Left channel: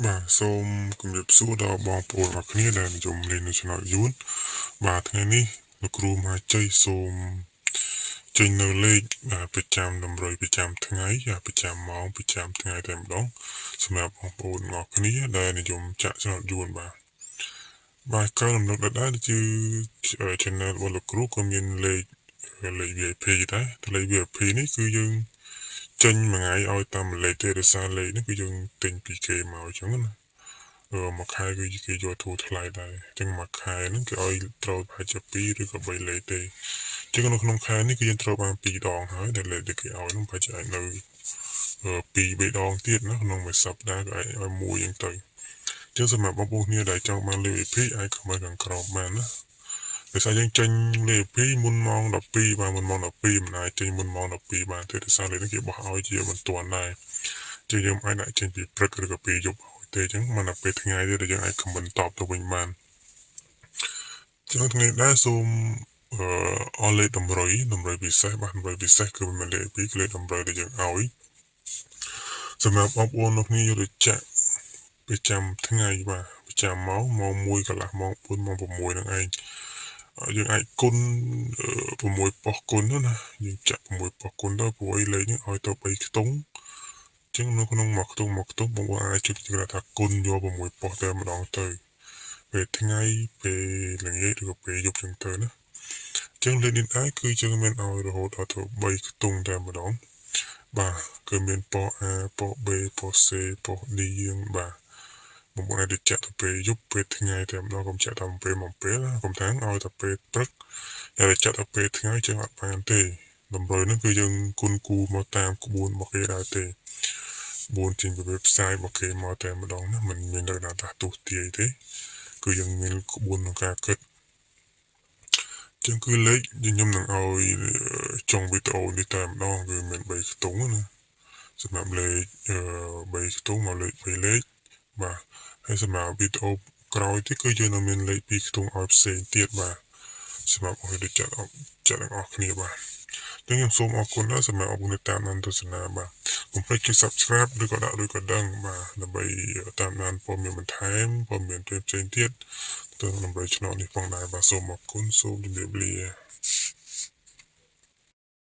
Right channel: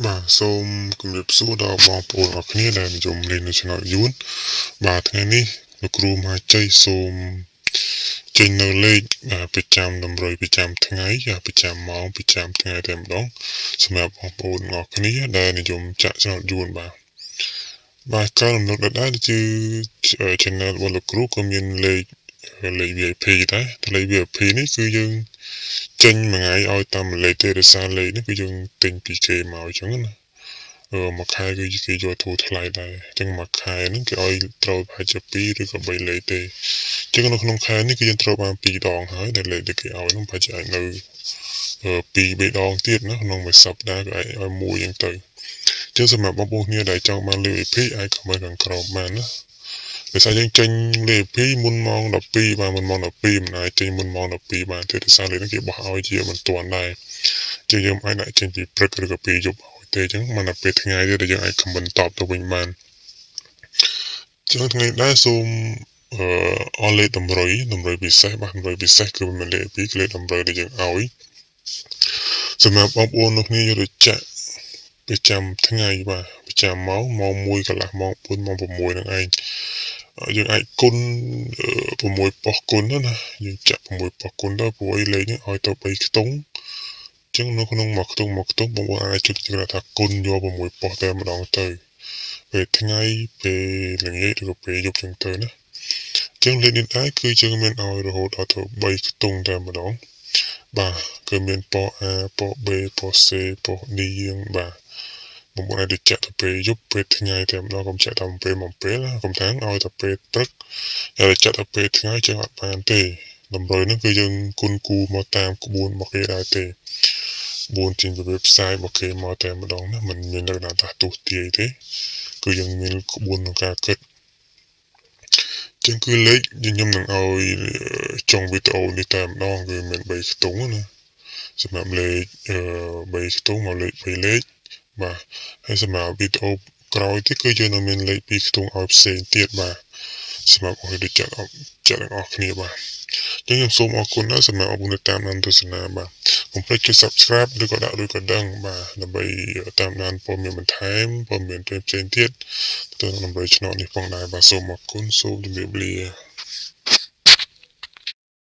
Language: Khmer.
បាទសូមគម្រាបសួរដល់បងប្អូនអរគ្នាដែលនិយមលេងនៅ Channel យួនបាទថ្ងៃនេះលោកគ្រូមហាជ័យសូមចេញនៅលេខប្រចាំតម្រុយប្រចាំថ្ងៃប្រចាំម៉ោងប្រចាំថ្ងៃតែម្ដងសម្រាប់បងប្អូនអរគ្នាដែលនិយមចាក់ Channel យួនបាទការរំលឹកដដែលគឺ Channel របស់លោកគ្រូក៏មានលេខ VIP ដែរតែលេខ VIP នេះគឺយើងចេញមួយថ្ងៃឲ្យតាមលេខទេដោយសារលេខនេះគឺយើងទិញពីគេមកអញ្ចឹងណាមួយខែគឺគេយកធូរថ្លៃដែរអញ្ចឹងមួយខែហ្នឹងគេឲ្យត្រូវប្រហែលជា2ឬក៏3លេខទេអញ្ចឹងនៅក្នុងខែនេះគឺយើងត្រូវបាន2ដងហើយដែលលេខដែលគេឲ្យហ្នឹងប្រហែលជាអាចនៅ2 3ដងទៀតណាក្នុងមួយសប្តាហ៍ក៏អាចឲ្យមួយអញ្ចឹងទៅអញ្ចឹងសម្រាប់បងប្អូនគ្នាដែលចង់បានលេខ VIP អាចខមមិនខាងក្រោមបានណាដោយសារយើងចេញលេខ VIP មុនម៉ោង12បាទមុនម៉ោង12មិនអាចចេញមុនម៉ោង12បានទេដោយសារលេខហ្នឹងគេបោះឲ្យជាមិនទាន់ដែរជាងយើងអាចដាក់ចេញពីព្រឹកឬក៏ពីយប់ទេអញ្ចឹងមិនដល់ពេលថ្ងៃទេដែលយើងអាចខមមិនតបទៅវិញបានចឹងថ្ងៃដែរសូមអស់លេខតម្រុយពិសេសបាទតម្រុយពិសេសគឺមិនលេខ2គឺលេខតម្រុយដែលយើងឲ្យសម្រាប់បងប្អូនលោកគ្នាយកទៅចាក់ប្រចាំថ្ងៃបាទប្រចាំម៉ោង1កន្លះម៉ោង4ម៉ោង6ហ្នឹងឯងយើងអាចគុណ6ប៉ុសគុណណាយើងចាក់6ប៉ុសគុណទៅព្រោះឯលេខនេះឲ្យទៅ3ខ្ទង់ចឹងនៅក្នុងមួយខ្ទង់បងប្អូនអាចជិតគេថាគុណយក6ប៉ុសតែម្ដងទៅពេលថ្ងៃពេលល្ងាចឬក៏ពេលយប់ចឹងទៅណាចឹងលេខនេះដែរគឺយើងមានឲ្យរហូតដល់ទៅ3ខ្ទង់តែម្ដងបាទគឺមានប៉ុស A ប៉ុស B ប៉ុស C ប៉ុស D យើងបាទបងប្អូនអាចទៅចាក់ទៅពេលយប់ពេលថ្ងៃតែម្ដងកុំចាក់តាមពេលមកពេលណាកុំថាឲ្យតែពេលព្រឹកហើយចាក់ទៅពេលថ្ងៃចឹងអត់បានទេតម្រុយហ្នឹងគឺយើងគុណគូមកតាមក្បួនរបស់គេដែរទេក្បួនជាងវិបផ្សាយរបស់គេមកតែម្ដងណាមិនមាននៅណាថាទូទាយទេគឺយើងមានក្បួនក្នុងការគិតចឹងគឺលេខខ្ញុំនឹងឲ្យចុងវីដេអូនេះតែម្ដងគឺមាន3ខ្ទង់ណាសម្រាប់លេខ3ខ្ទង់មកលេខ2លេខបាទហើយសម្រាប់វីដេអូក្រោយទៀតគឺយើងនឹងមានលេខ2ខ្ទង់ឲ្យផ្សេងទៀតបាទសម្រាប់ឲ្យដូចចាក់ទាំងអស់គ្នាបាទចឹងខ្ញុំសូមអរគុណណាស់សម្រាប់អរគុណតាមដានទស្សនាបាទកុំភ្លេចចុច Subscribe ឬក៏ដាក់ឬក៏ដឹងបាទដើម្បីតាមដានព័ត៌មានបន្ថែមព័ត៌មានផ្សេងទៀតទៅនឹងដើម្បីឆ្នោតនេះផងដែរបាទសូមអរគុណសូមជម្រាបលា